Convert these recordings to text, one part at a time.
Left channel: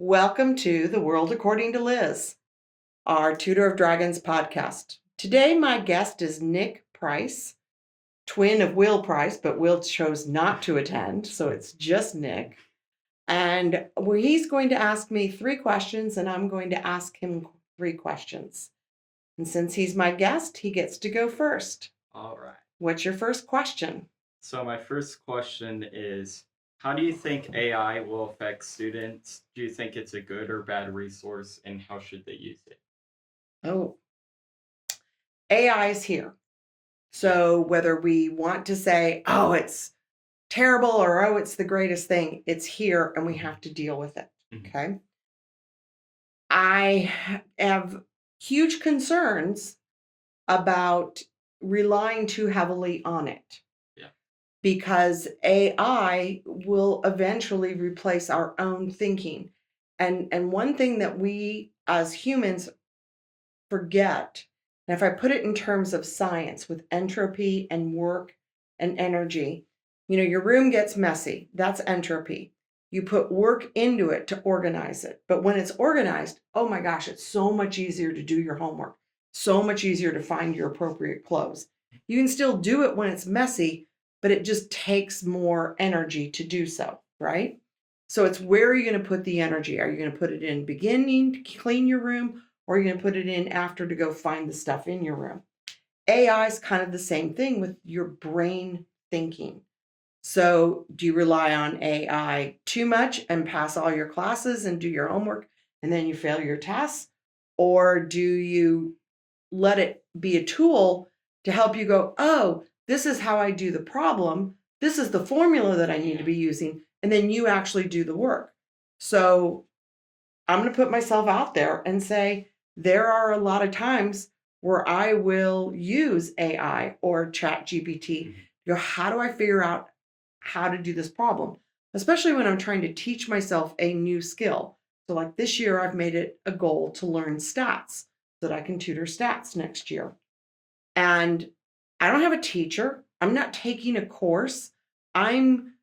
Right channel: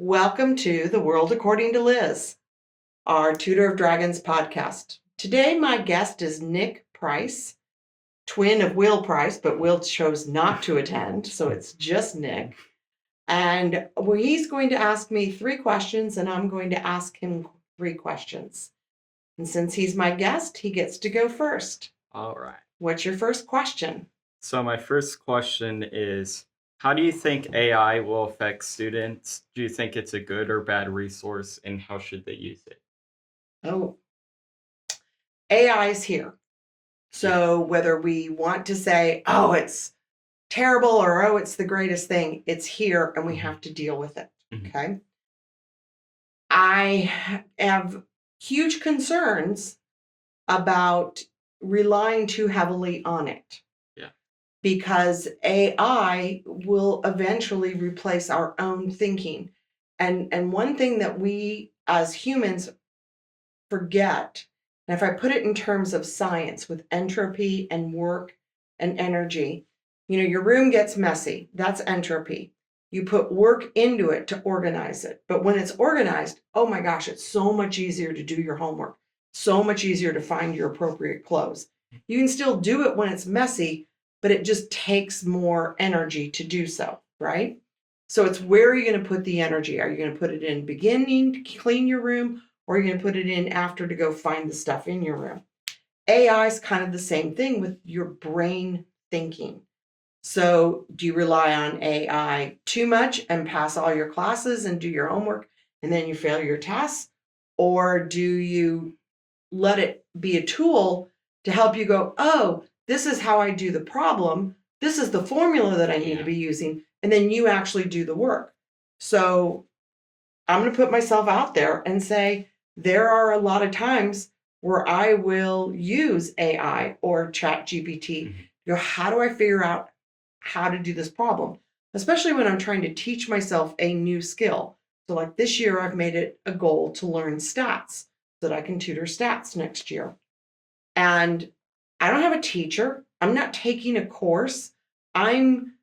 Welcome to The World According to Liz, our Tutor of Dragons podcast. Today, my guest is Nick Price, twin of Will Price, but Will chose not to attend, so it's just Nick. And he's going to ask me 3 questions, and I'm going to ask him 3 questions. And since he's my guest, he gets to go first. All right. What's your first question? So my first question is, how do you think AI will affect students? Do you think it's a good or bad resource, and how should they use it? Oh, AI is here. So whether we want to say, oh, it's terrible or oh, it's the greatest thing, it's here and we have to deal with it. Okay. I have huge concerns about relying too heavily on it. Yeah. Because AI will eventually replace our own thinking. And one thing that we as humans forget, and if I put it in terms of science with entropy and work and energy, your room gets messy. That's entropy. You put work into it to organize it. But when it's organized, oh my gosh, it's so much easier to do your homework, so much easier to find your appropriate clothes. You can still do it when it's messy, but it just takes more energy to do so, right? So it's where are you going to put the energy? Are you going to put it in beginning to clean your room, or are you going to put it in after to go find the stuff in your room? AI is kind of the same thing with your brain thinking. So do you rely on AI too much and pass all your classes and do your homework and then you fail your tests? Or do you let it be a tool to help you go, oh, this is how I do the problem. This is the formula that I need to be using. And then you actually do the work. So I'm going to put myself out there and say, there are a lot of times where I will use AI or chat GPT. How do I figure out how to do this problem? Especially when I'm trying to teach myself a new skill. So like this year, I've made it a goal to learn stats so that I can tutor stats next year. And I don't have a teacher. I'm not taking a course. I'm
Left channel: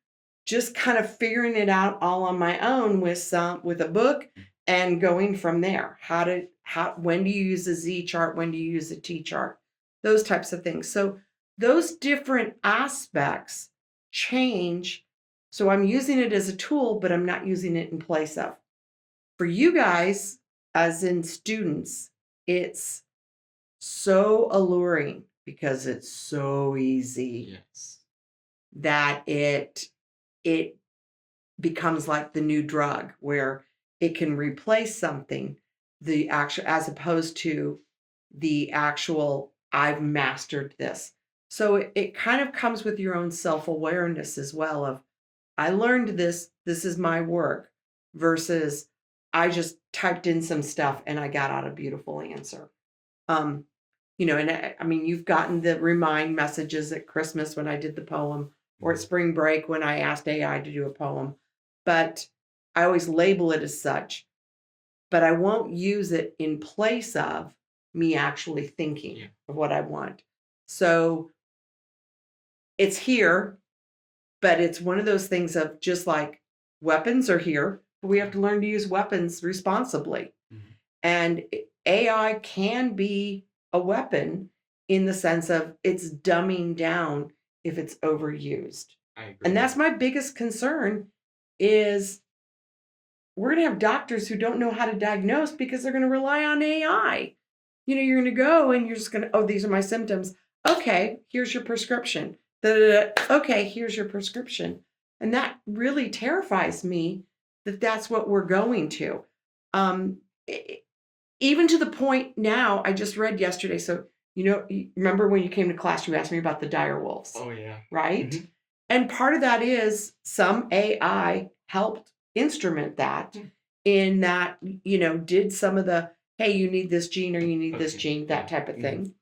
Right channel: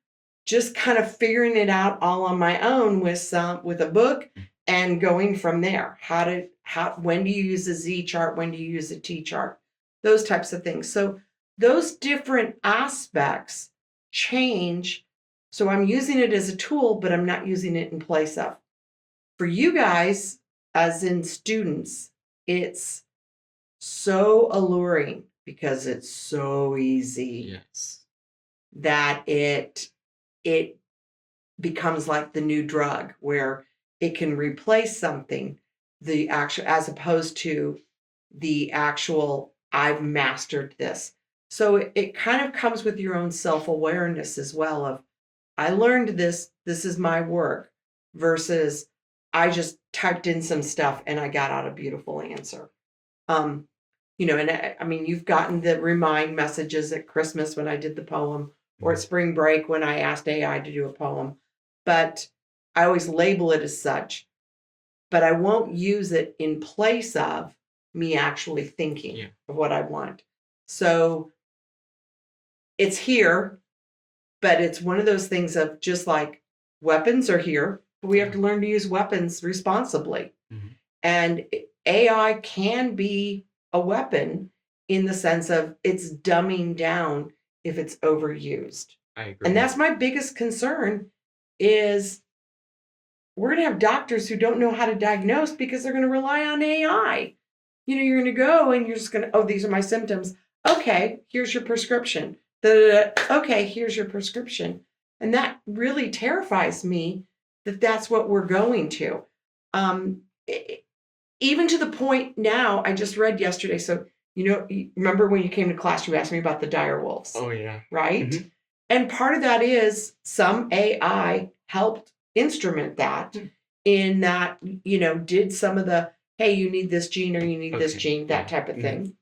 just kind of figuring it out all on my own with a book and going from there. When do you use a Z chart? When do you use a T chart? Those types of things. So those different aspects change. So I'm using it as a tool, but I'm not using it in place of. For you guys, as in students, it's so alluring because it's so easy that it becomes like the new drug where it can replace something, the actual, as opposed to the actual, I've mastered this. So it kind of comes with your own self-awareness as well of, I learned this is my work, versus I just typed in some stuff and I got out a beautiful answer. And I mean, you've gotten the remind messages at Christmas when I did the poem, or at spring break when I asked AI to do a poem, but I always label it as such, but I won't use it in place of me actually thinking of what I want. So it's here, but it's one of those things of just like weapons are here, but we have to learn to use weapons responsibly. And AI can be a weapon in the sense of it's dumbing down if it's overused. I agree. And that's my biggest concern is we're going to have doctors who don't know how to diagnose because they're going to rely on AI. You're going to go and you're just going to, oh, these are my symptoms. Okay, here's your prescription. Okay, here's your prescription. And that really terrifies me that that's what we're going to. Even to the point now, I just read yesterday. So, remember when you came to class, you asked me about the dire wolves. Oh, yeah. Right? And part of that is some AI helped instrument that in that, did some of the, hey, you need this gene or you need this gene, that type of thing.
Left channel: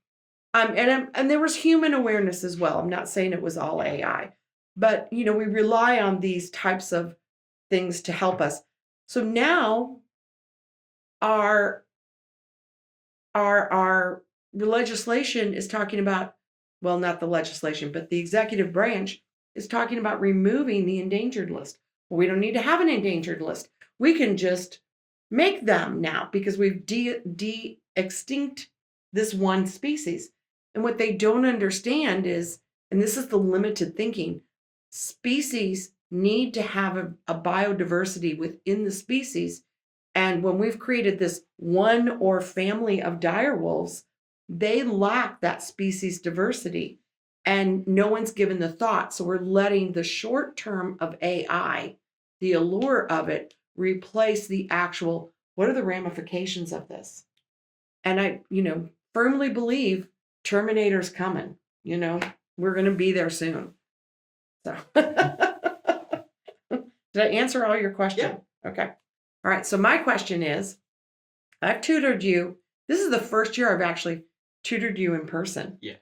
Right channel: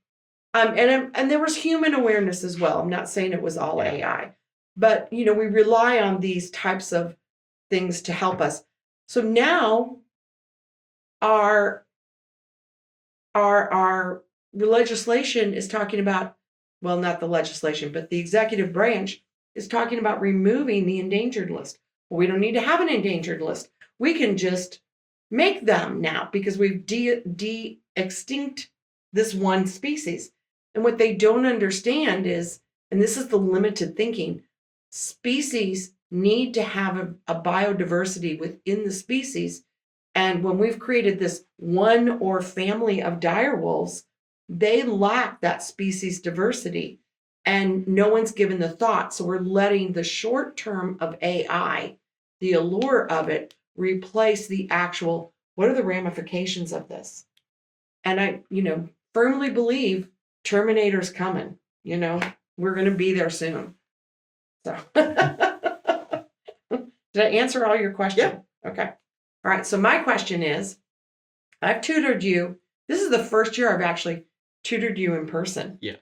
And there was human awareness as well. I'm not saying it was all AI, but, we rely on these types of things to help us. So now our legislation is talking about, well, not the legislation, but the executive branch is talking about removing the endangered list. Well, we don't need to have an endangered list. We can just make them now because we've extinct this one species. And what they don't understand is, and this is the limited thinking, species need to have a biodiversity within the species. And when we've created this one or family of dire wolves, they lack that species diversity. And no one's given the thought. So we're letting the short term of AI, the allure of it, replace the actual what are the ramifications of this? And I, firmly believe Terminator's coming. We're going to be there soon. So, did I answer all your questions? Yeah. Okay. All right. So, my question is I've tutored you. This is the first year I've actually tutored you in person. Yeah.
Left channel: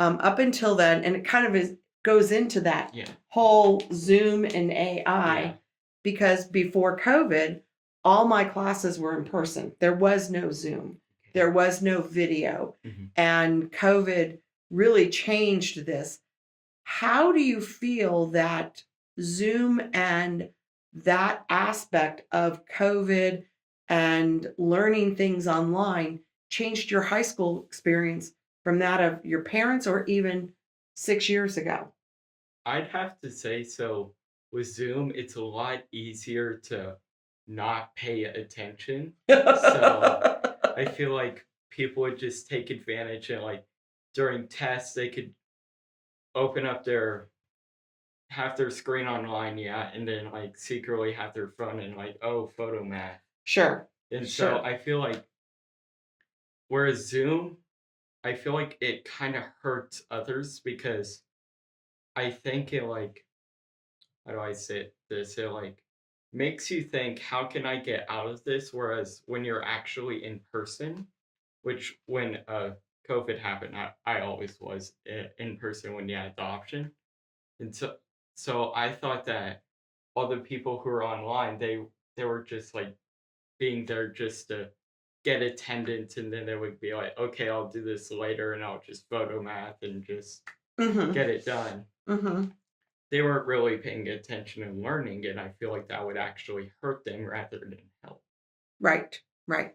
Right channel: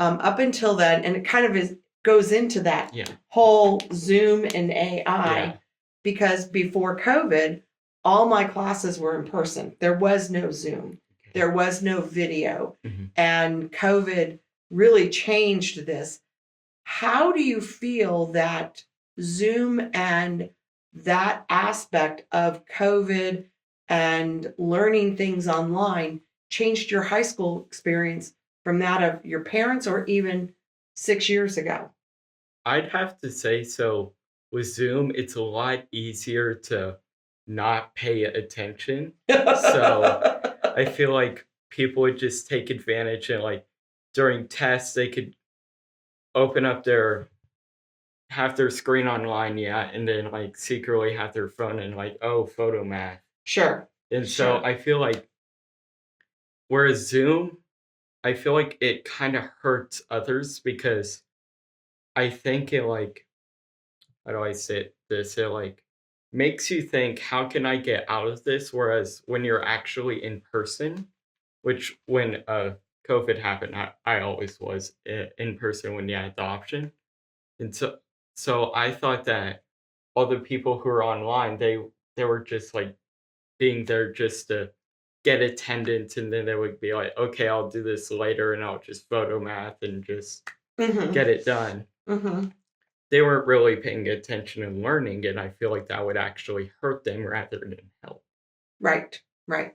Up until then, and it kind of goes into that Yeah. whole Zoom and AI Yeah. because before COVID, all my classes were in person. There was no Zoom. There was no video. Mm-hmm. And COVID really changed this. How do you feel that Zoom and that aspect of COVID and learning things online changed your high school experience from that of your parents or even 6 years ago? I'd have to say so. With Zoom, it's a lot easier to not pay attention. So I feel like people would just take advantage and like during tests they could open up their have their screen online, yeah, and then like secretly have their phone and like, oh, photo math. Sure. And so Sure. I feel like whereas Zoom, I feel like it kind of hurts others because I think it like how do I say this? It like makes you think, how can I get out of this? Whereas when you're actually in person, which when COVID happened, I always was in person when you had the option. And so I thought that all the people who are online, they were just like being there just to get attendance, and then they would be like, okay, I'll do this later, and I'll just photo math and just Mm-hmm. get it done. Mm-hmm. They weren't really paying attention and learning, and I feel like that would actually hurt them rather than help. Right. Right.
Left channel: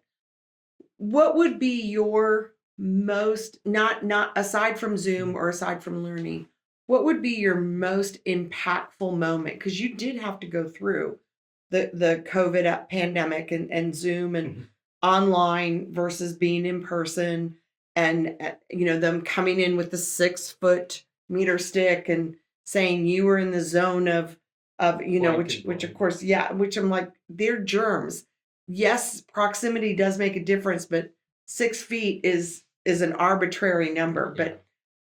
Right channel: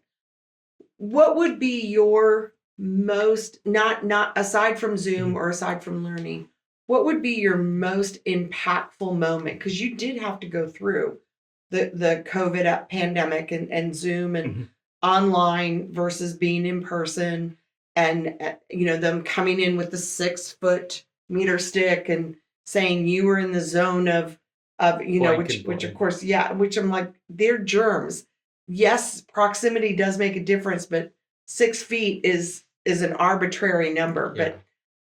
What would be your most not aside from Zoom Mhm. or aside from learning, what would be your most impactful moment? Because you did have to go through the COVID pandemic and Zoom and Mhm. online versus being in person and them coming in with the 6 foot meter stick and saying you were in the zone of Blank and which of blame. course, yeah, which I'm like, they're germs. Yes, proximity does make a difference, but 6 feet is an arbitrary number. Yeah.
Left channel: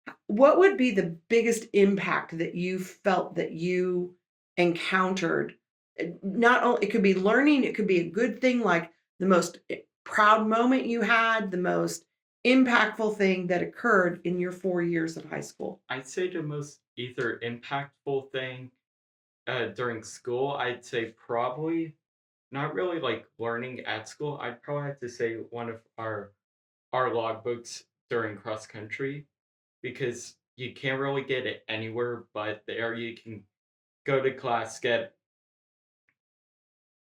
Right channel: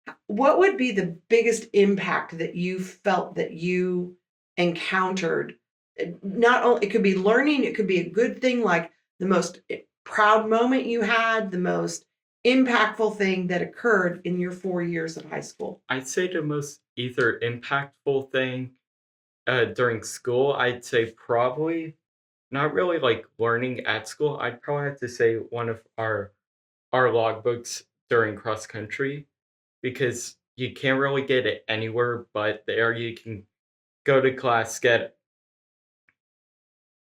But what would be the biggest impact that you felt that you encountered? Not only it could be learning, it could be a good thing, like the most proud moment you had, the most impactful thing that occurred in your 4 years of high school. I'd say the most either impactful thing during school, I'd say probably not really like learning at school. I'd probably have to say one of our logbooks during cross country because you can't really get it anywhere but there. You can go to class, get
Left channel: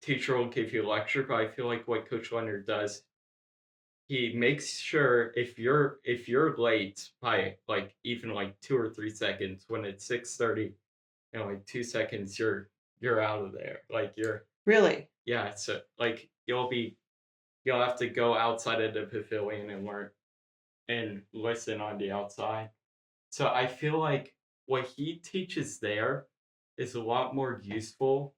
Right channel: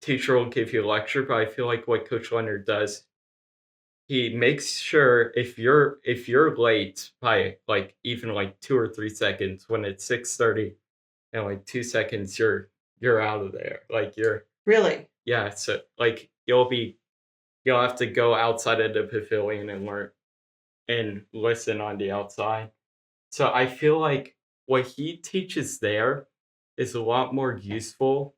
teacher will give you a lecture, but I feel like what Coach Leonard does, he makes sure if you're late by like even like 2 or 3 seconds when it's 6:30 and like 2 seconds you're out of there. Like you're Really? yeah, so like you'll have to go outside of the pavilion and learn and listen on the outside. So I feel like what he teaches there is a lot more useful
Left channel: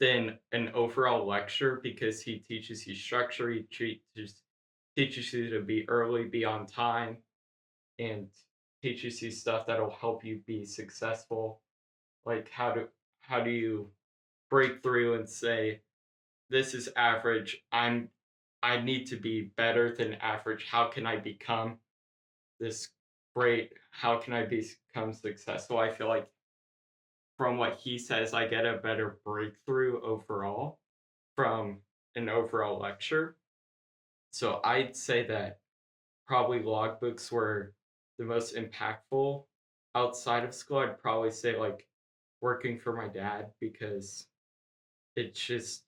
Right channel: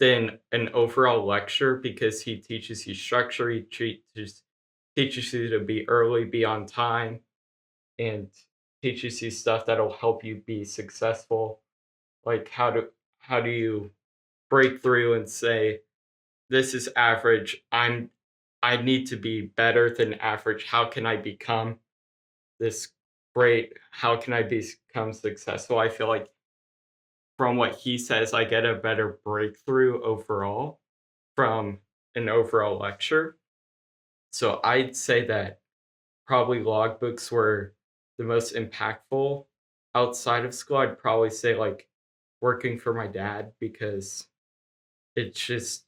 than an overall lecture because he teaches you structure, he teaches you to be early, be on time, and teaches you stuff that'll help you be successful. Like how do you break through and say, this is average. I need to be better than average. How can I become this great? How can I become successful? I feel like from what he says, I get a better breakthrough overall from an overall lecture. So I'd say that probably logbooks were the most impactful outside of school. I'd probably say like working for my dad because it's just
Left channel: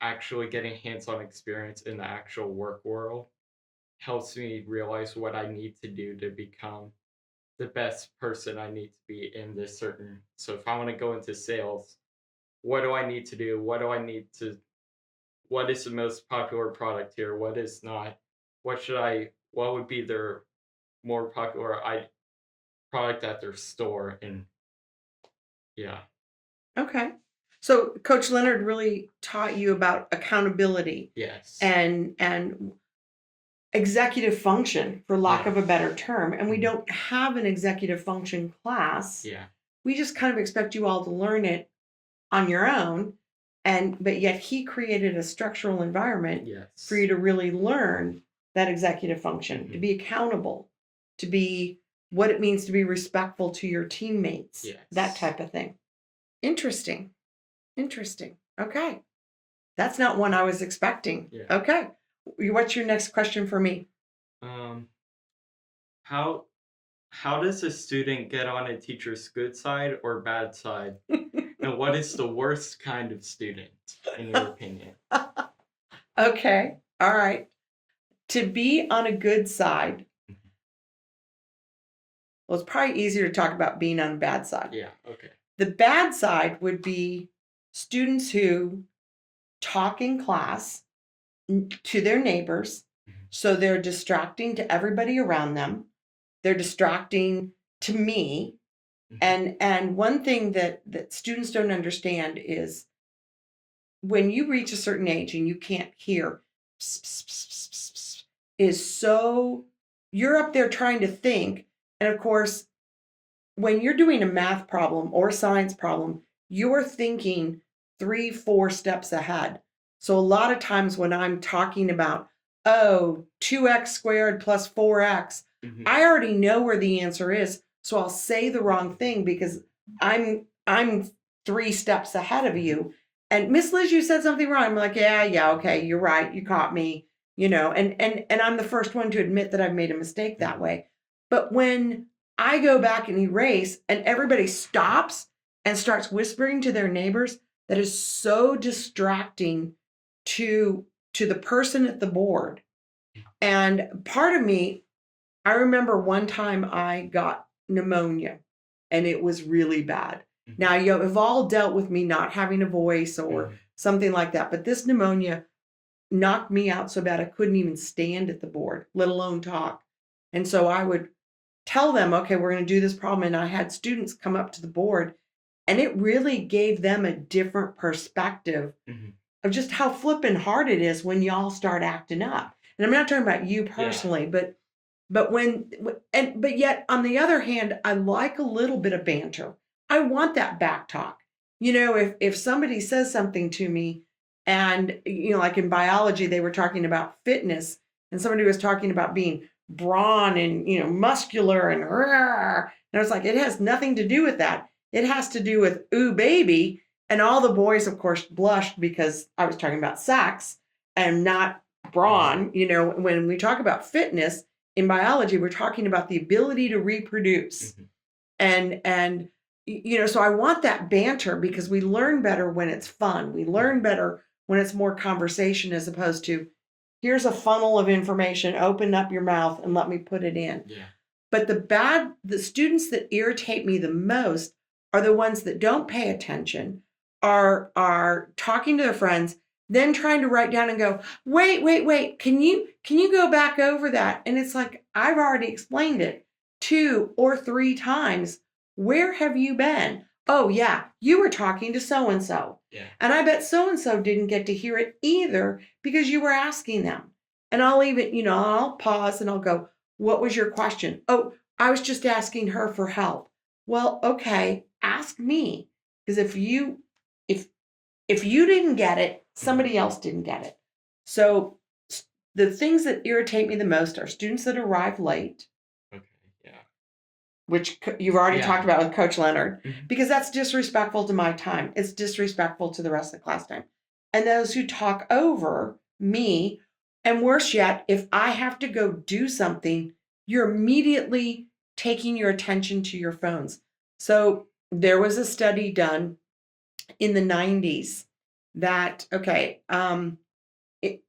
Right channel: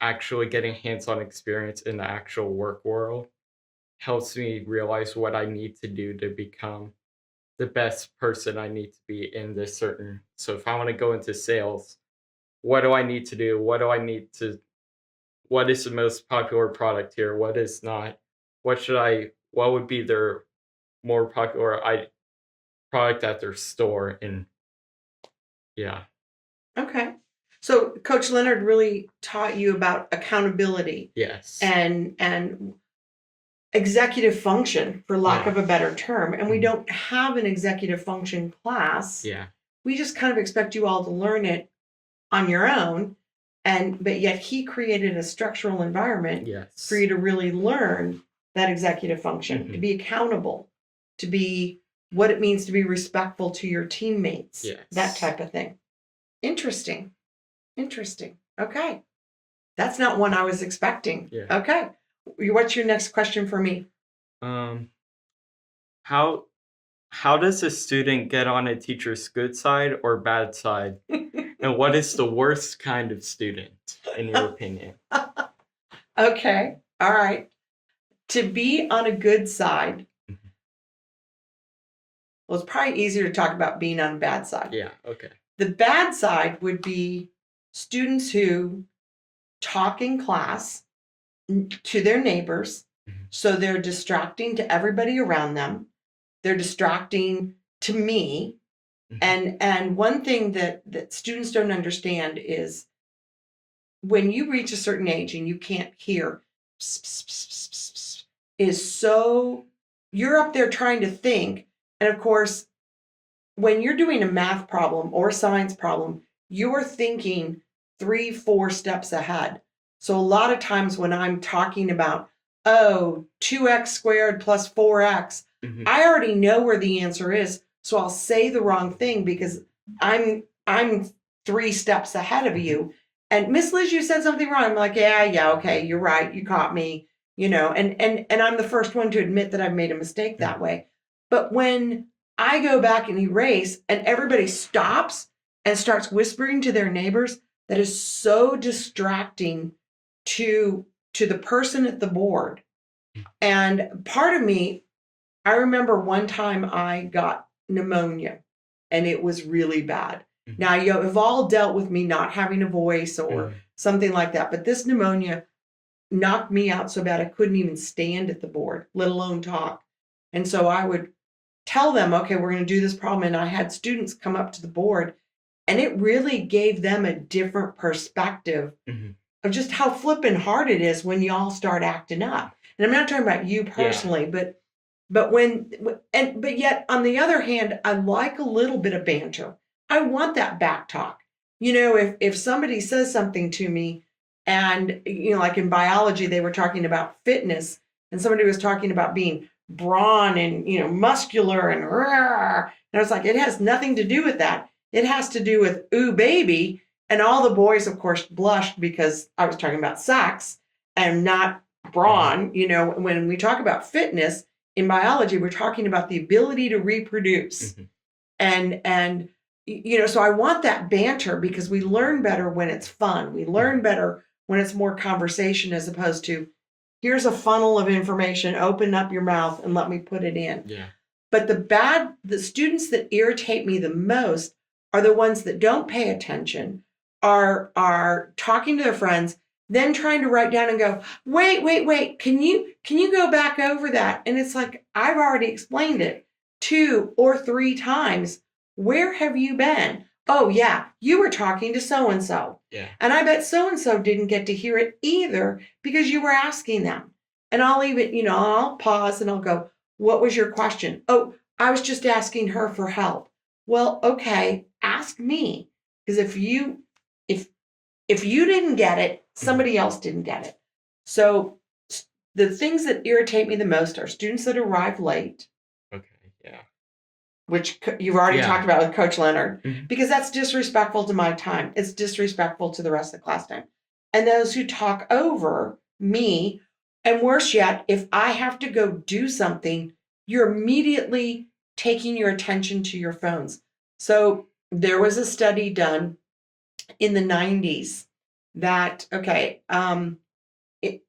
actually getting hands-on experience in the actual work world helps me realize what I need to do to become the best person I need to be in this certain. So if I want to go into sales, what do I need to do? What is the most popular product here? What is not? What would be their more popular product at their store? And yeah, Okay. So Coach Leonard really taught you about accountability yes, and executive function, for lack yeah, of a better term. And we mhm, don't have an executive function class. yeah, We just kind of expect you all to learn it on your own. And but yet he created a structural environment for yes, you to really learn that executive function, to hmm, be accountable, to be what it means to be respectful to your teammates, that yes, type of thing. Interesting. Interesting. Okay. That's not one I was expecting. yeah. Okay. What's your next question for me? Um, how how does a student get on a teacher's good side or bad side? And what is the worst kind of student, in your opinion? Okay. All right. To be on a good side, Mhm. well, it's probably easier to talk about being on a bad side. Yeah, okay. The bad side would be students who talk in class to their neighbors. Mhm, So they're distracting to everybody around them. They're distracting to me. mhm, And one thing that students don't understand is when you reach a certain age and you can't hear pss, pss, pss, pss, pss, pss, is so you're up there trying to think. And of course, when you're doing a math problem or science problem, you're thinking 3, 4 steps ahead. So a lot of times when I'm talking about, oh, 2x squared plus 4x, mhm, I already know where the answer is. So I'll say the wrong thing because I'm 3 steps ahead of mhm, you. And Miss Liz, you said something wrong. I'm like, yeah, yeah, okay, you're right. You caught me, and I'm the first one to admit that I've made a mistake mhm, that way. But when I go back and erase, and everybody stops and starts whispering to their neighbors. That is so distracting to the person at the board. And part of me, I remember one time I got pneumonia, and it was really bad. mhm, Now you've all dealt with me not having a voice or mhm, something like that, but this pneumonia knocked me out so bad I couldn't even stand at the board, let alone talk. And so I would tell them, okay, we're going to do this problem. And I had students come up to the board, and it really gave them a different perspective mhm. of just how flippin' hard it is when y'all start acting up. And I'm not talking about you Yeah, personally, but yet on the other hand, I like a little bit of banter. I want that back talk. If somebody says something to me, and like in biology, they were talking about fitness, and somebody was talking about being brawn and muscular and I was like, it has nothing to do with that. It has to do with ooh baby. And all the boys, of course, blushed because I was talking about sex and not mhm, brawn. When we talk about fitness in biology, we're talking about the ability to reproduce. mhm, And so I want that banter because we learn better when it's fun. We learn mhm. better when it's more conversation as opposed to here's a funnel of information, open up your mouth and let me put it in. Yeah, But the students that irritate me the most are the ones that don't pay attention, are talking to their friends, then trying to write down and go, wait, wait, wait, can you go back over that? And it's like, I've already explained it 2 or 3 times. Where have you been? Oh yeah, you were talking to so and so. yeah, And I bet so and so didn't get to hear it either because you were asking them. And I'll even, I'll pause and I'll go, what was your question? Oh, I was just asking her for help. Well, okay, ask me. Because if if you didn't get it, mhm. somebody else didn't get it. So the things that irritate me the most are students that arrive late, Okay, yeah. which you've already talked Yeah, about with Coach Leonard, mhm, because that's disrespectful to my time. It's disrespectful to the rest of the class time. And those who talk over me, and worse yet, if I have to go do something, you're immediately taking your attention to your phones. So there was a study done in the 90s that, okay, it,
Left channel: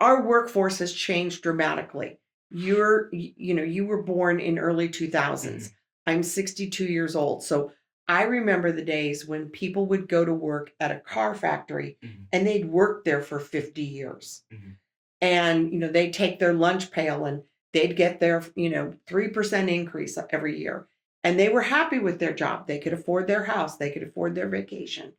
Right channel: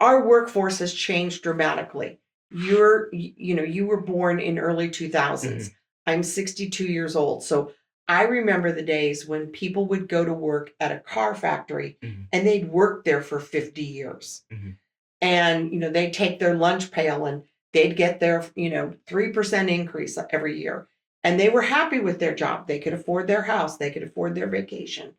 our workforce has changed dramatically. You were born in early 2000s. Mhm, I'm 62 years old. So I remember the days when people would go to work at a car factory mhm, and they'd work there for 50 years. mhm. And, they'd take their lunch pail and they'd get their, 3% increase every year. And they were happy with their job. They could afford their house, they could afford their vacation.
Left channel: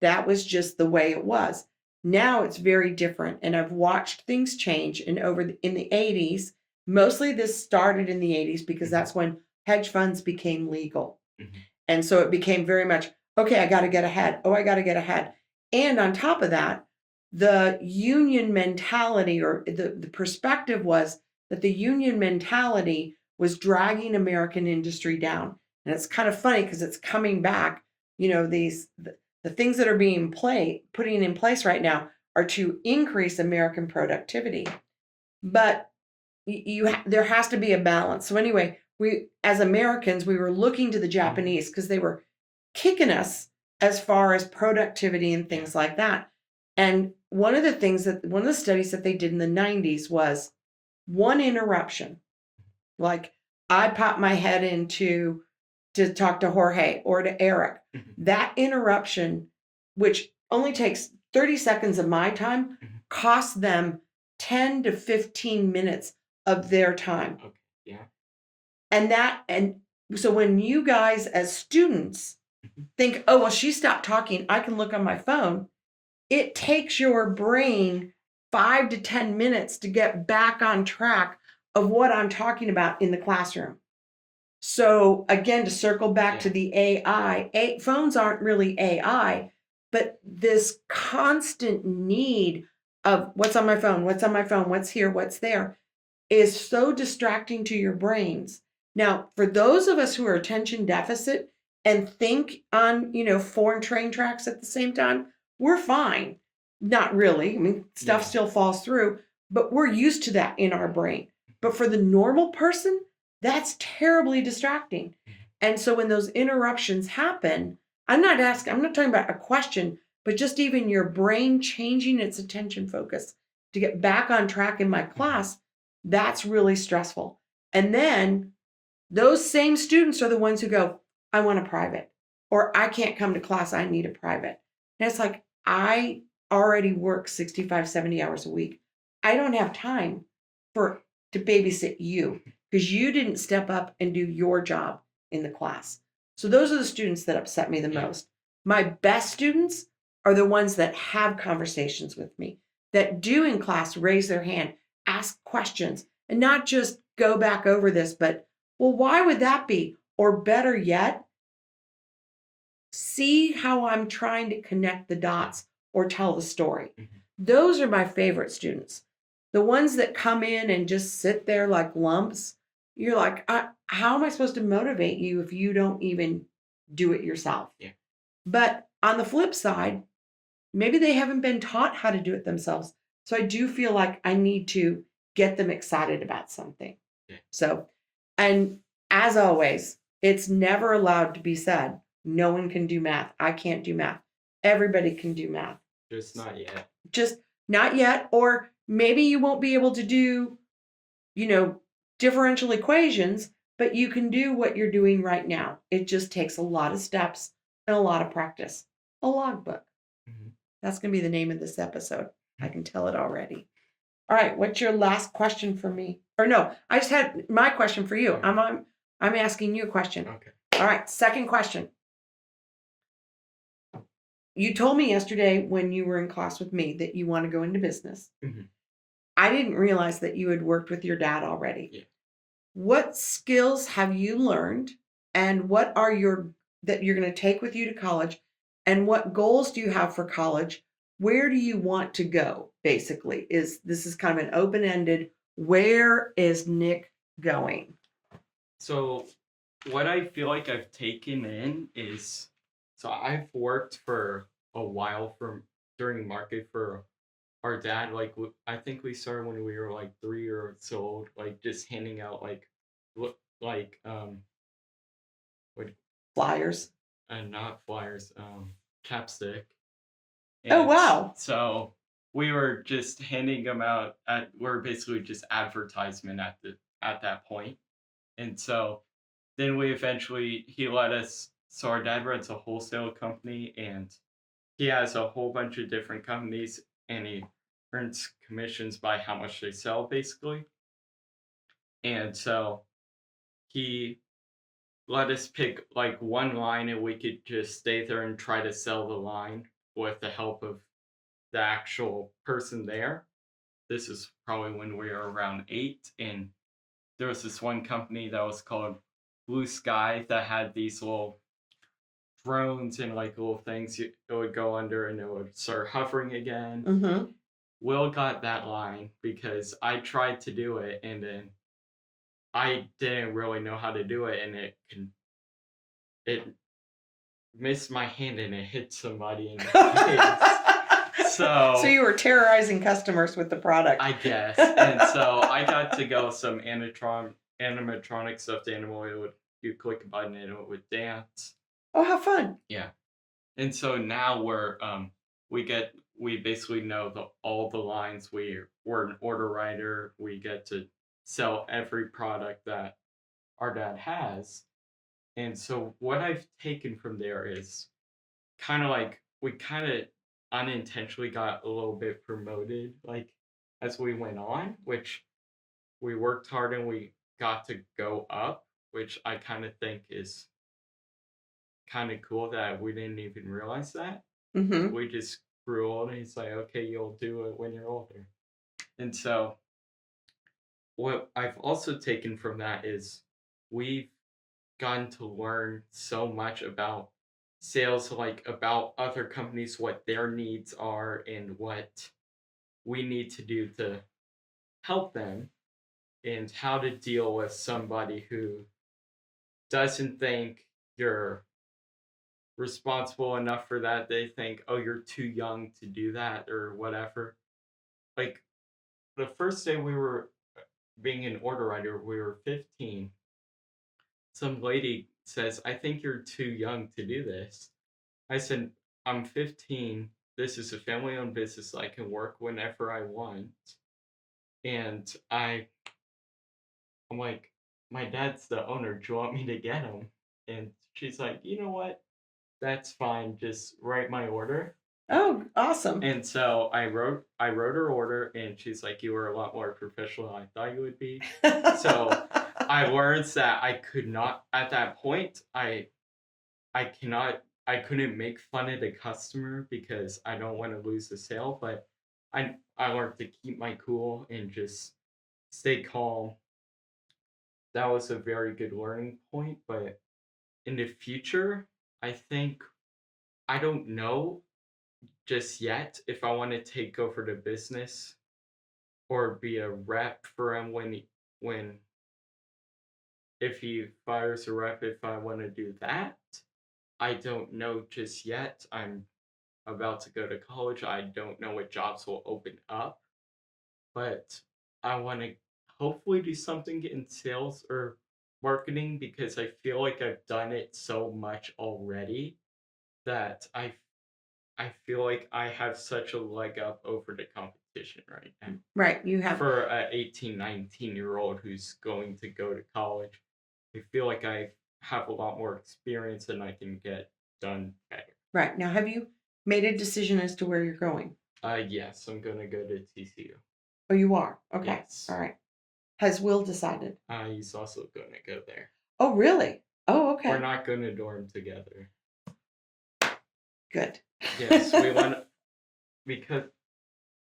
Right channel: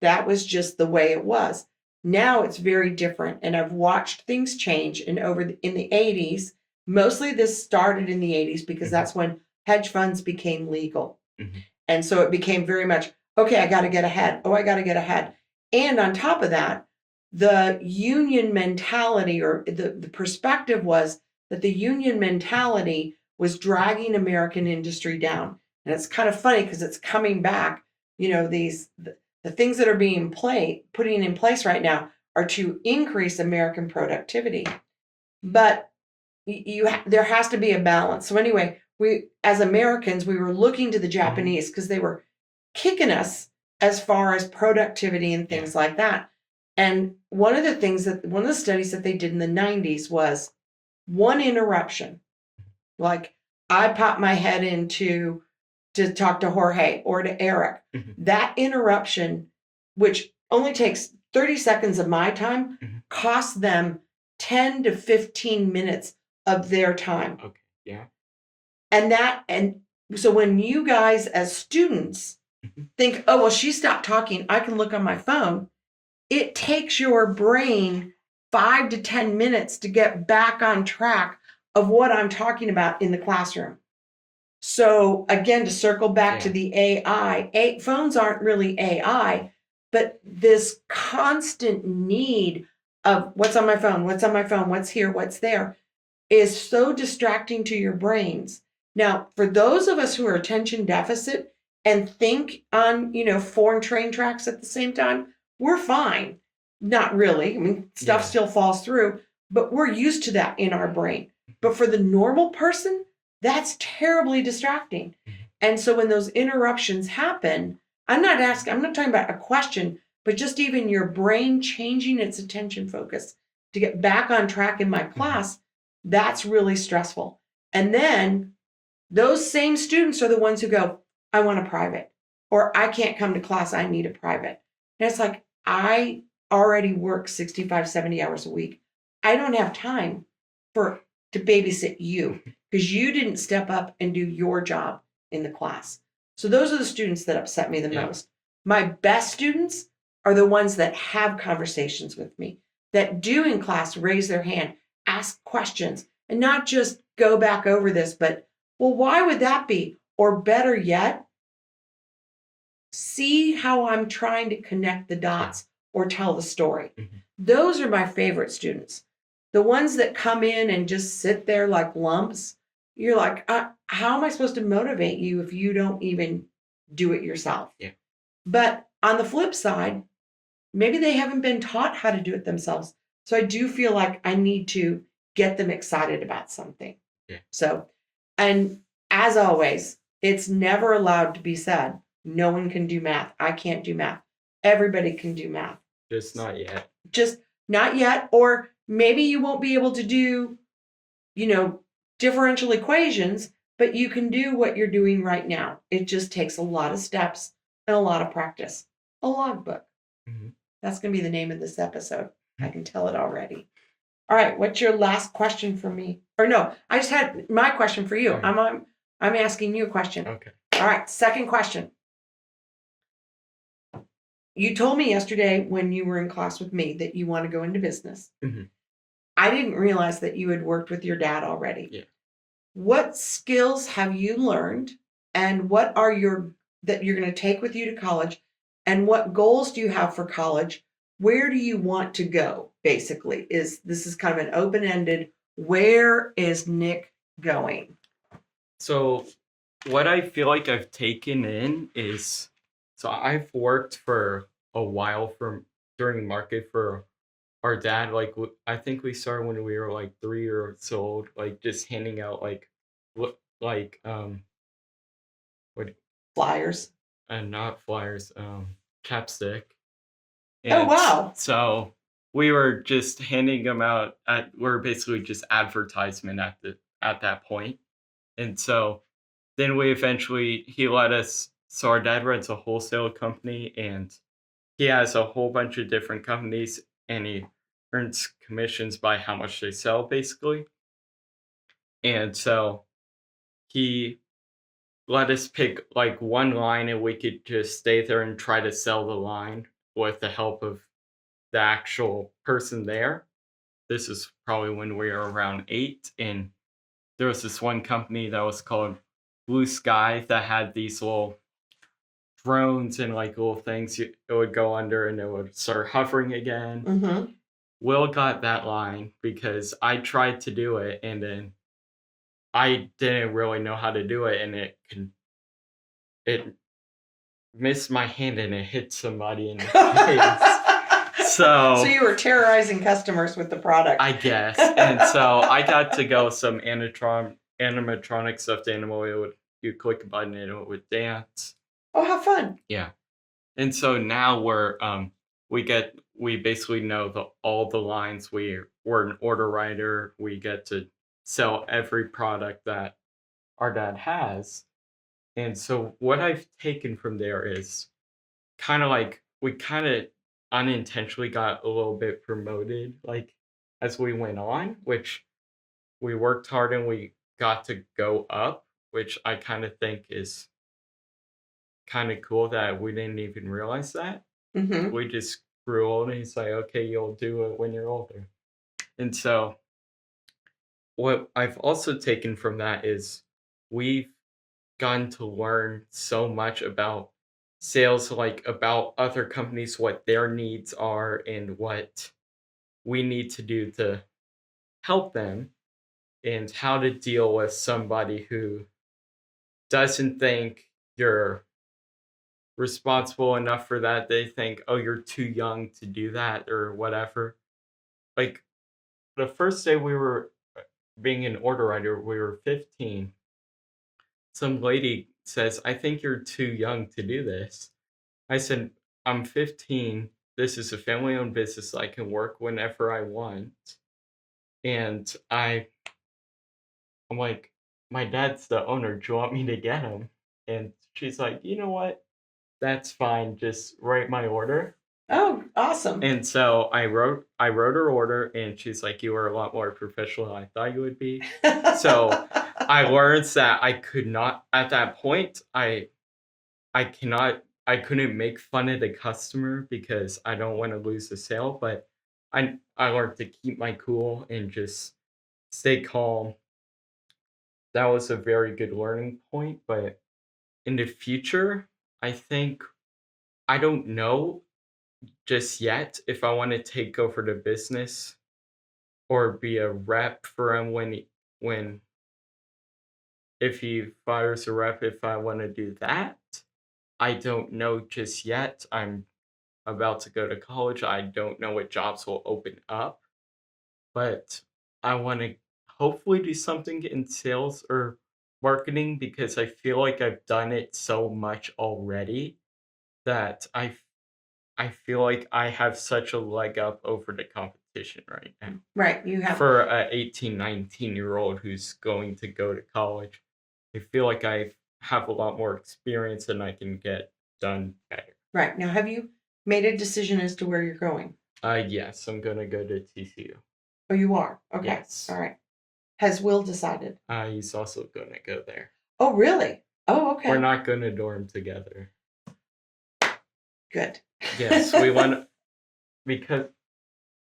That was just the way it was. Now it's very different. And I've watched things change. And in the 80s, mostly this started in the 80s because Mhm, that's when hedge funds became legal. mhm. And so it became very much, okay, I got to get ahead. Oh, I got to get ahead. And on top of that, the union mentality or the perspective was that the union mentality was dragging American industry down. And it's kind of funny because it's coming back. The things that are being putting in place right now are to increase American productivity. But there has to be a balance. So anyway, we as Americans, we were looking to the Mhm. Japanese because they were kicking us as far as productivity and Yeah. things like that. And one of the studies that they did in the 90s was one interruption. Like I popped my head into to talk to Jorge or to Eric. Mhm, That interruption, which only takes 30 seconds of my time, mhm. costs them 10 to 15 minutes of their time. Okay. Yeah. And so when you guys as students Mhm. think, oh, well, she stopped talking, I can look on my phone, it takes your brain 5 to 10 minutes to get back on track of what I'm talking about in the classroom. So again, to circle back to Yeah. the phones aren't really AI, but this constant need of what's on my phone, what's on my phone, what's here, what's there is so distracting to your brains. Now, for those of us who are attention deficit and think on, foreign train tracks at the same time, we're fine. Not really. I mean, stuff Yeah. still falls through, but we're used to that in our brain. But for the normal person, that's terribly distracting. Mhm. And so when those interruptions happen, I'm not talking about a question, but just even your brain changing its attention focus to get back on track in my Mhm. class, that's really stressful. And then those same students are the ones who go, I want a private, or I can't come to class, I need a private. And it's like, I already work 65, 70 hours a week. I don't have time for to babysit you because you didn't step up and do your job in the class. So those are the students that upset me the Yeah. most. My best students are the ones that have conversations with me, that do in class raise their hand, ask questions, and not just go back over this, but well, why would that be? Or better yet, see how I'm trying to connect the Yeah. dots or tell the story. Mhm. Those are my favorite students. The ones that come in and just sit there like lumps, you're like, how am I supposed to motivate you if you don't even do it yourself? Yeah. But on the flip side, maybe they haven't been taught how to do it themselves. So I do feel like I need to get them excited about something. Yeah. So, and as always, it's never allowed to be said, no one can do math. I can't do math. Everybody can do math. Just not yet. Just not yet. Or maybe you won't be able to do, you know, differential equations, but you can do what you're doing right now. It just takes a lot of steps and a lot of practice. A logbook. Mhm. That's going to be the name of this episode. I can tell it already. All right, what's your last question for me? Or no, I just had my question for you. Okay. I'm asking you a question. Okay. All right, second question. You told me yesterday when you were in class with me that you want to go into business. Mhm. I didn't realize that you had worked with your dad already. Yeah. What skills have you learned and what are your that you're going to take with you to college and what goals do you have for college? Where do you want to go? Basically, is this is kind of an open-ended where is Nick going? So what I feel like I've taken in is so I've worked for a while for during market for our dad. Like I think we started when we were like 3 years old, like just handing out like like what Flyers. not flyers, chapstick. Oh, And wow. so we were just handing them out we're basically just advertisement at that point. And so then we eventually he let us so our dad runs a wholesale company and he has a whole bunch of different companies and he earns commissions by how much they sell basically. And so he let us pick like one line and we could just stay there and try to sell the line with the help of the actual person there. This is probably when we were around 8 and there was this one company that was called Blue Sky that had these little drones and like little things it would go under and it would start hovering again. Mm-hmm. Will got that line because I tried to do it and then I didn't really know how to do it and it missed my hand and it hit somebody in the face. So So you were terrorizing customers with the product. I guess. And so I got to go some animatronic stuffed animal. You click a button and it would dance. Oh, how fun. Yeah. And so now we basically know all the lines. We're an order writer. We get to sell every product that our dad has. And so what I've taken from there is kind of like we kind of unintentionally got a little bit promoted like as we went on, which we worked hard and we got to go up, which I kind of think is kind of cool that we didn't even realize that. Mm-hmm. We just grew old and he's like, okay, you'll do it when you're older. And so what I've also taken from that is we've gotten to learn so much about sales, like about other companies, what their needs are, and what we need to do to help them, and how to deal with somebody who doesn't think you're responsible enough for that. They think, oh, you're too young to do that, or whatever. Like the first day we were being an order writer, we were 15. Some lady says, I think you're too young to do this. I said, I'm 15. This is a family owned business. I can work whenever I want. And I'm like, my dad's the owner. Do you want me to get him? And she's like, you know what? That's fine. Just write my order. Oh, awesome. And so I wrote her order and she's like, you were a lot more professional than I thought you would be. So I learned that I could not at that point, I couldn't make fun of the customer because I don't want to lose the sale, but I learned to keep my cool and just stay calm. That was a very good learning point, but in the future, I think I don't know just yet if I want to take over the business or be a rep for him when if he fires a rep if I want to do that. I don't know just yet. I'm about to go to college. I don't know what jobs will open up, but I want to hopefully do something in sales or marketing because I feel like I've done it so much already that I feel like I have such a leg up over the competition right now. Right. You have. For a 18, 19-year-old who's going to go to college, I feel like I have a lot more experience and I can get done better. Right. Now, have you made a decision as to where you're going? Yes, I'm gonna go to TCU. Oh, you are? Okay. Yes. All right. Has Will decided? He's also gonna go there. Oh, really? Oh, We're okay. not gonna dorm together. Good. Yes, we went because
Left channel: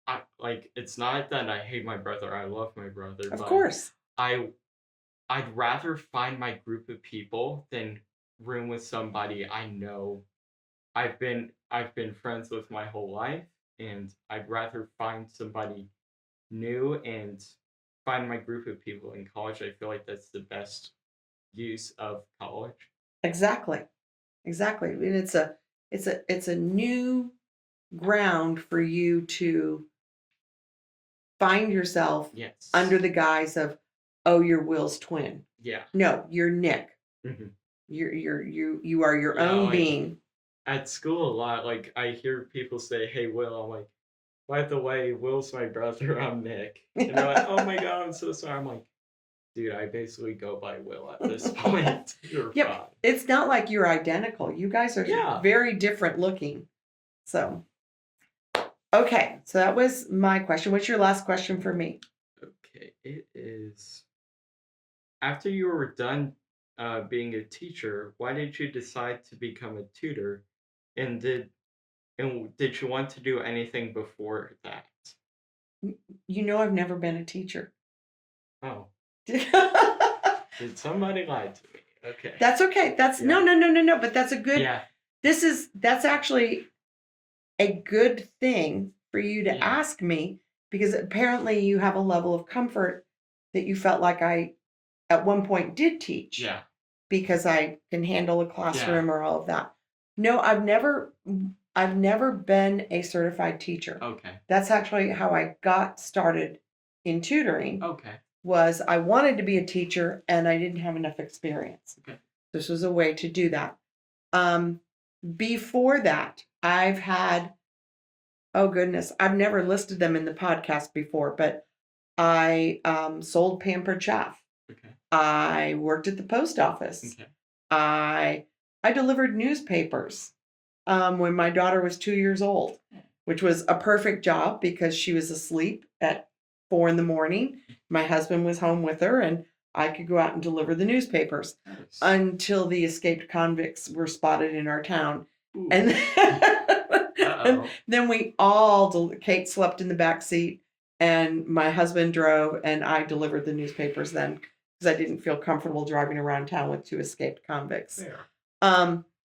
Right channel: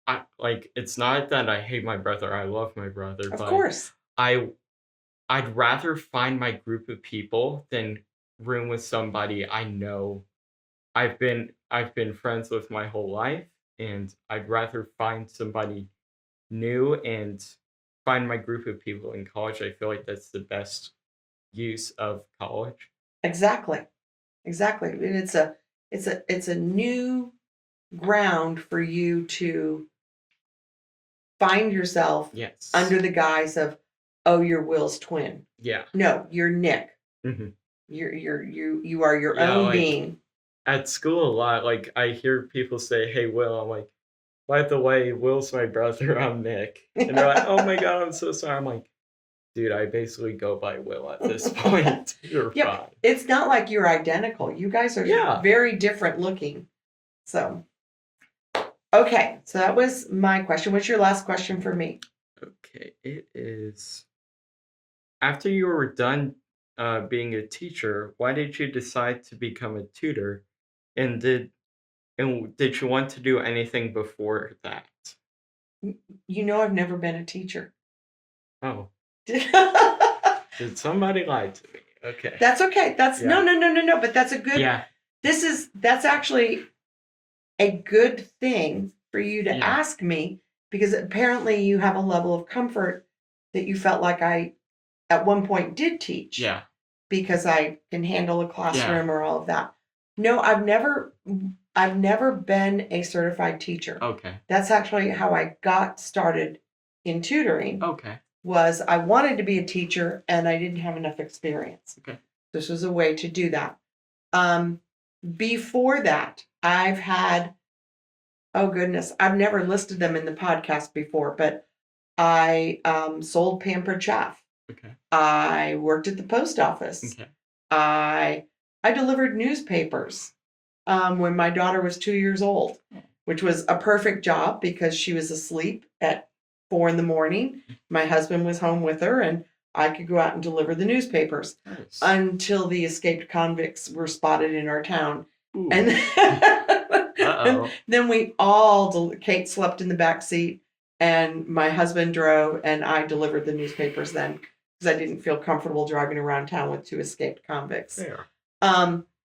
I like it's not that I hate my brother. I love my brother, Of but course. I'd rather find my group of people than room with somebody I know. I've been friends with my whole life, and I'd rather find somebody new and find my group of people in college. I feel like that's the best use of college. Exactly. Exactly. And it's a new ground for you to find yourself Yes. under the guise of, oh, you're Will's twin. Yeah. No, you're Nick. Hmm. You are your Yeah, own like being. at school a lot, like, I hear people say, "Hey, Will." I'm like, "By the way, Will's my brother, I'm Nick." And they're like, "Oh my god, I'm so sorry." I'm like, "Dude, I basically go by Will at this point. You're Yep. fine." It's not like you're identical. You guys are Yeah. very different looking. So, okay. So that was my question. What's your last question for me? Okay, it is after you were done, being a teacher, why did you decide to become a tutor? And did you want to do anything before that? You know, I've never been a teacher. Oh, did somebody lie to me? Okay. That's okay. That's no, Yeah. no, no, no, no. But that's a good, Yeah. that's actually a good thing for you to Yeah. ask me because apparently you have a level of comfort that you felt like I at one point did teach Yeah. because I can handle a Yeah. classroom or all of that. No, I've never been a certified teacher. Okay. That's actually how I got started in tutoring Okay. was I wanted to be a teacher and I didn't have enough experience. Okay. This was a way to do that. Um, Before that, I've had, oh goodness, I've never listed them in the podcast before, but I sold pampered chaff. Okay. I worked at the post office. Okay. I I delivered newspapers when my daughter was 2 years old, which was a perfect job because she was asleep at 4 in the morning. My husband was home with her, and I could go out and deliver the newspapers Nice. until the escaped convicts were spotted in our town. Ooh. And Uh-oh. then Kate slept in the back seat, and my husband drove, and I delivered the newspapers then because I didn't feel comfortable driving around town with two escaped convicts. There.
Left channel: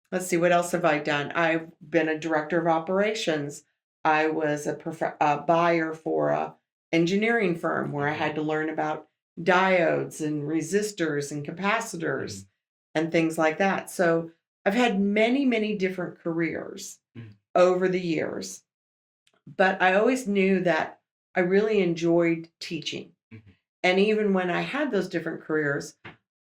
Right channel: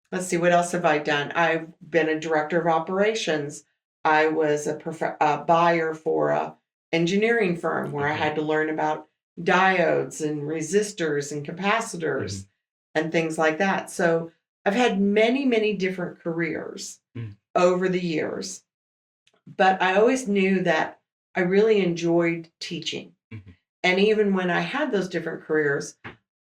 Let's see, what else have I done? I've been a director of operations. I was a buyer for a engineering firm where I Okay. had to learn about diodes and resistors and capacitors and things like that. So I've had many, many different careers Mhm. over the years, but I always knew that I really enjoyed teaching. Mhm. And even when I had those different careers,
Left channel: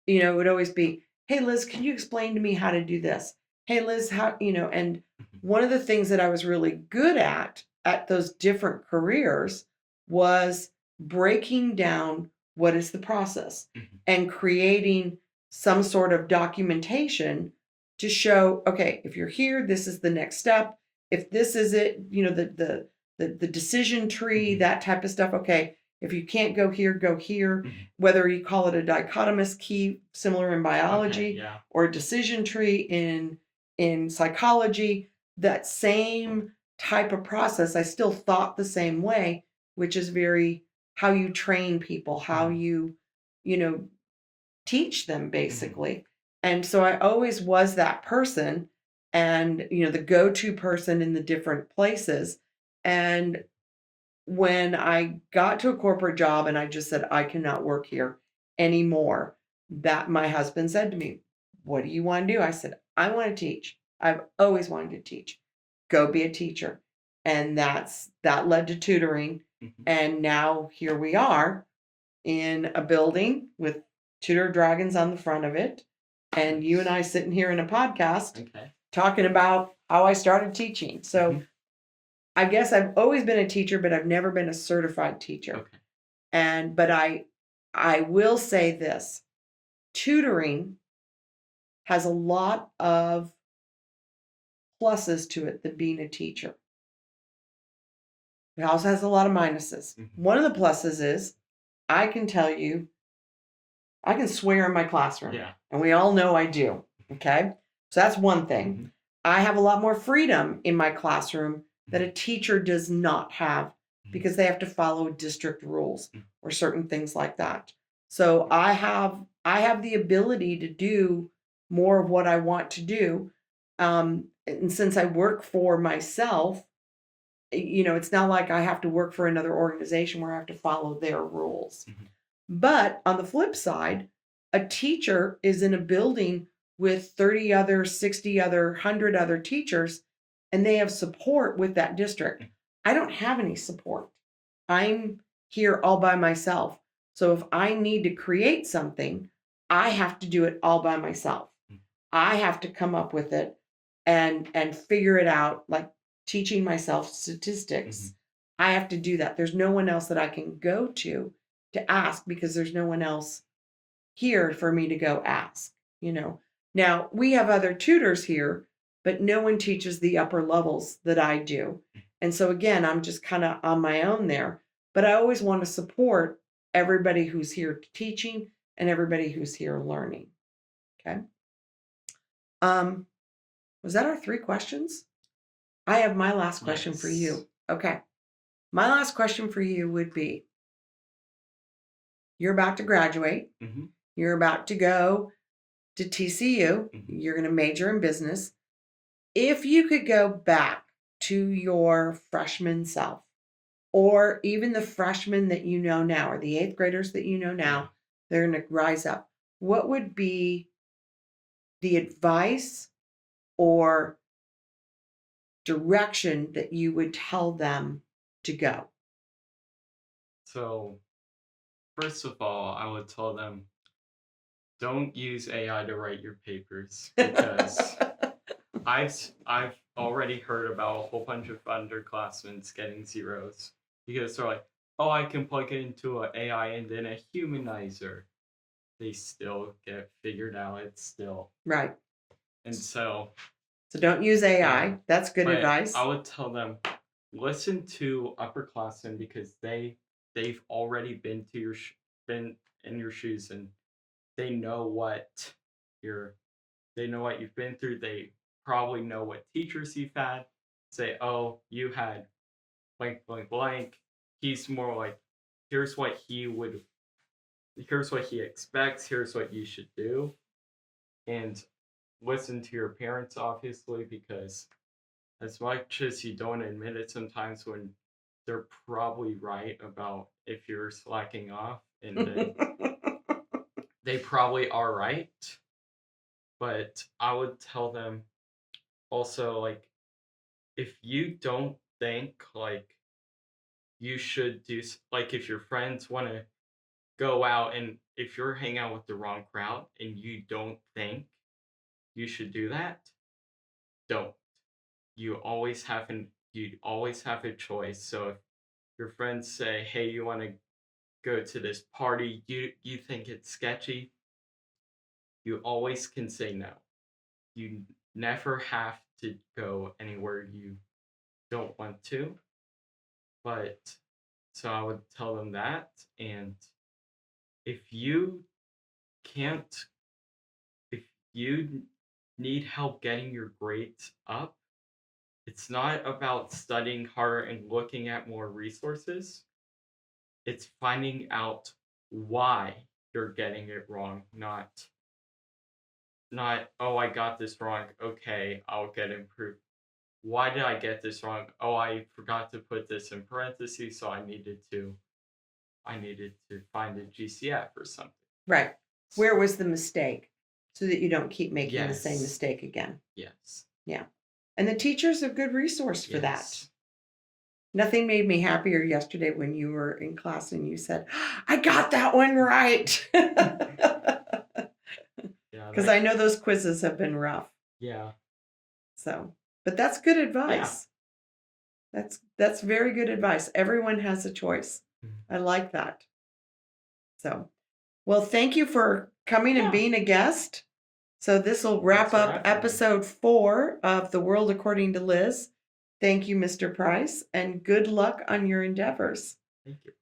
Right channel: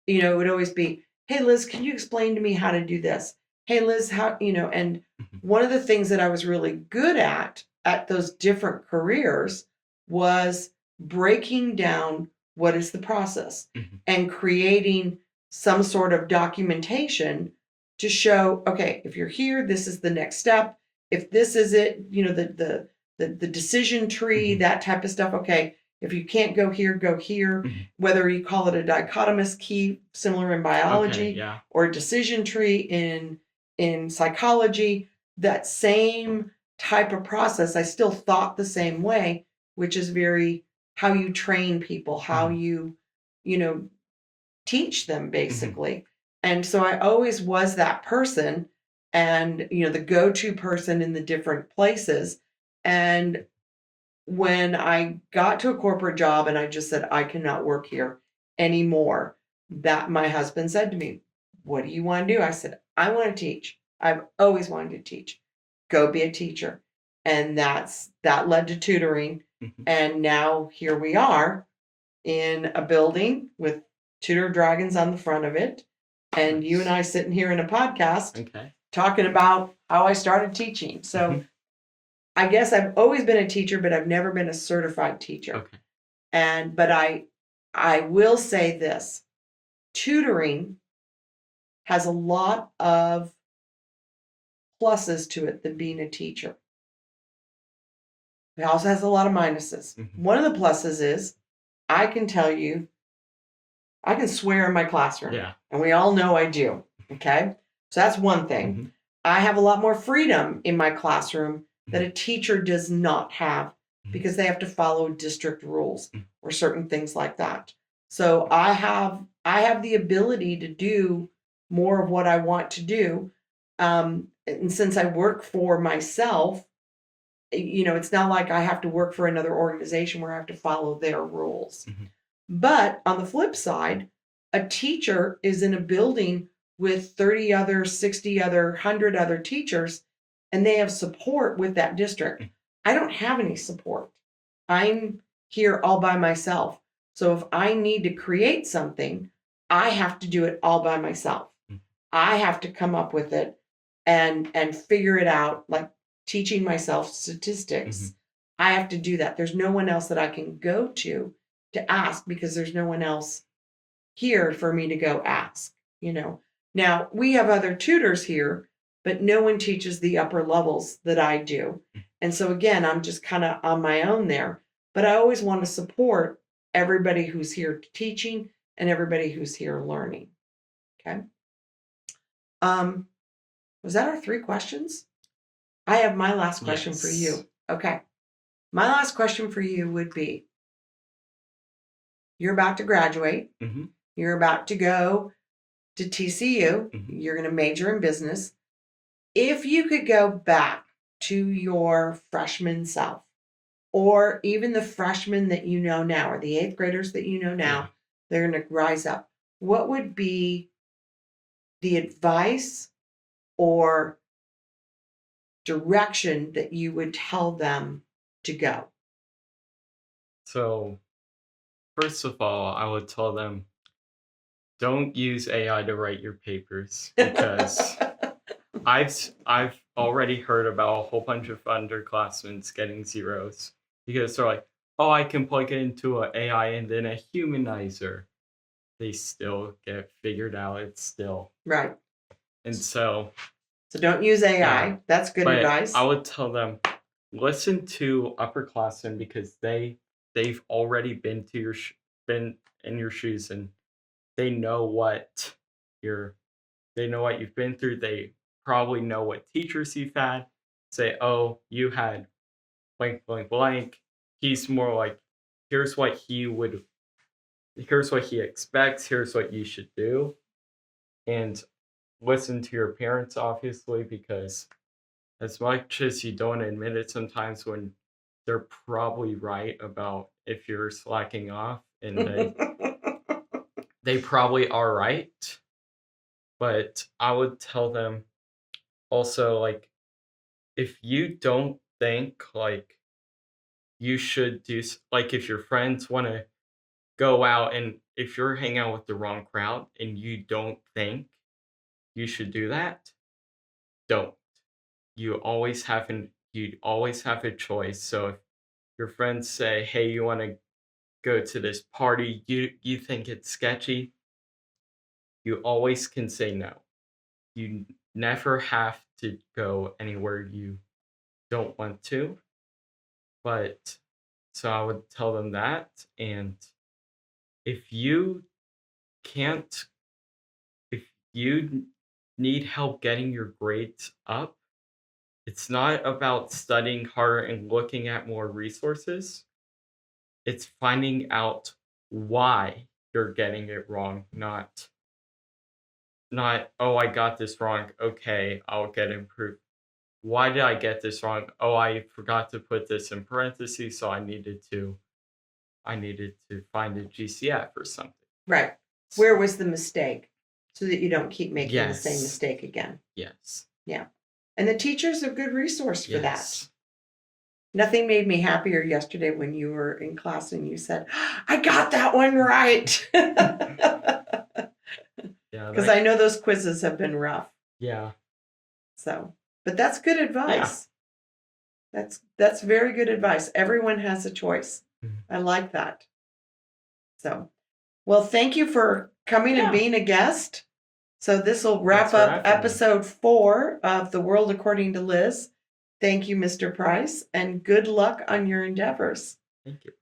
it would always be, "Hey, Liz, can you explain to me how to do this? Hey, Liz, and Mhm. one of the things that I was really good at those different careers was breaking down what is the process Mhm. and creating some sort of documentation to show, okay, if you're here, this is the next step. If this is it, the decision tree, Mhm. that type of stuff. Okay, if you can't go here, go here, Mhm. whether you call it a dichotomous key similar in Okay, biology yeah. or a decision tree in psychology, that same type of process I still thought the same way, which is very how you train people, how Mhm. you teach them Mhm. basically. And so I always was that person and the go-to person in the different places. And when I got to a corporate job and I just said, I cannot work here anymore, that my husband said to me, "What do you want to do?" I said, "I want to teach. I've always wanted to teach. Go be a teacher." And that led to tutoring. Mhm. And now here we are in a building with Tutor Dragons on the front of it. And you and Nice. I sitting here in a podcast Okay. talking about how I started teaching. So Mhm. I guess I've always been a teacher, but I've never been a certified teacher. Okay. But I will say this, tutoring has a lot of pluses to it than being a teacher. It also has a lot of minuses. Mhm. One of the pluses is I can tell you I can swear in my classroom, Yeah. and we all know I do. Okay. So that's one thing. Mhm. I have a lot more freedom in my classroom that Mhm. a teacher does not have Mhm. because they have to follow district rules Mhm. or certain things like that. So I have the ability to do more of what I want to do. And since I work for myself, it's not like I have to work for another organization where I have to follow their rules. Mhm. But on the flip side, a teacher is in a building with 30 other, 60 other, 100 other teachers, and they have support with that district. Mhm. I don't have any support. I'm here all by myself. So if I need to create something, I have to do it all by myself. Mhm. I have to come up with it. and figure it out, like teaching myself statistics. I have to do that. There's no one else that I can go to ask, because there's no one else here for me to go ask, you know. Now, we have other tutors here, but no one teaches the upper levels that I do. And so again, I'm just kind of on my own there, but I always want to support everybody who's here teaching and everybody who's here learning. Okay. Was that our 3 questions? I have my last question for Yes. you. Okay. My last question for you would be, you're about to graduate. You're about to go to TCU. You're going to major in business. If you could go back to your freshman self, or even the freshmen that you know now, or the 8th graders that you know now, they're going to rise up, what would be the advice or direction that you would tell them to go? So, first of all, I would tell them, don't use AI to write your papers, because I've already heard about a whole bunch of underclassmen getting zeros because they're like, oh, I can plug it into an AI and then a humanizer. They still get figured out. It's still Right. And so don't use AI. Yeah. That's good But advice. I would tell them, listen to upperclassmen, because they've already been been in your shoes, and they know what you've been through. They probably know what teachers you've had. Say, oh, you had blank blank blank. He's more like, here's what he expects, here's what you should do. And listen to your parents, obviously, because as much as you don't admit it sometimes, when they're probably right about if you're slacking off, and they probably are right. But I would tell them also, like, if you don't think like you should like, if your friends want to go out, and if you're hanging out with the wrong crowd and you don't think you should do that, don't. You always have a choice. So if your friends say, hey, you want to go to this party, you think it's sketchy, you always can say no. You never have to go anywhere you don't want to. But so I would tell them that. And if you can't if you need help getting your grades up, it's not about studying harder and looking at more resources. It's finding out why you're getting it wrong, not, oh, I got this wrong. Okay, I'll get improved. Why did I get this wrong? Oh, I forgot to put this in parentheses, so I needed to find a GCF or something. Right. Where was the mistake? So that you don't keep making the same Yes. mistake again. Yes. Yeah. And the teacher's a good resource for that. Yes. Nothing made me happier yesterday when you were in class and you said, I got that one right. Yeah. Because I know those quizzes have been rough. Yeah. So, but that's good advice. That's very good advice. Everyone has a choice. I like that. So, well, thank you for coming and being a guest. So this will wrap up episode 4 of The World According to Liz. Thank you, Mr. Price, and good luck on your endeavors. Thank you.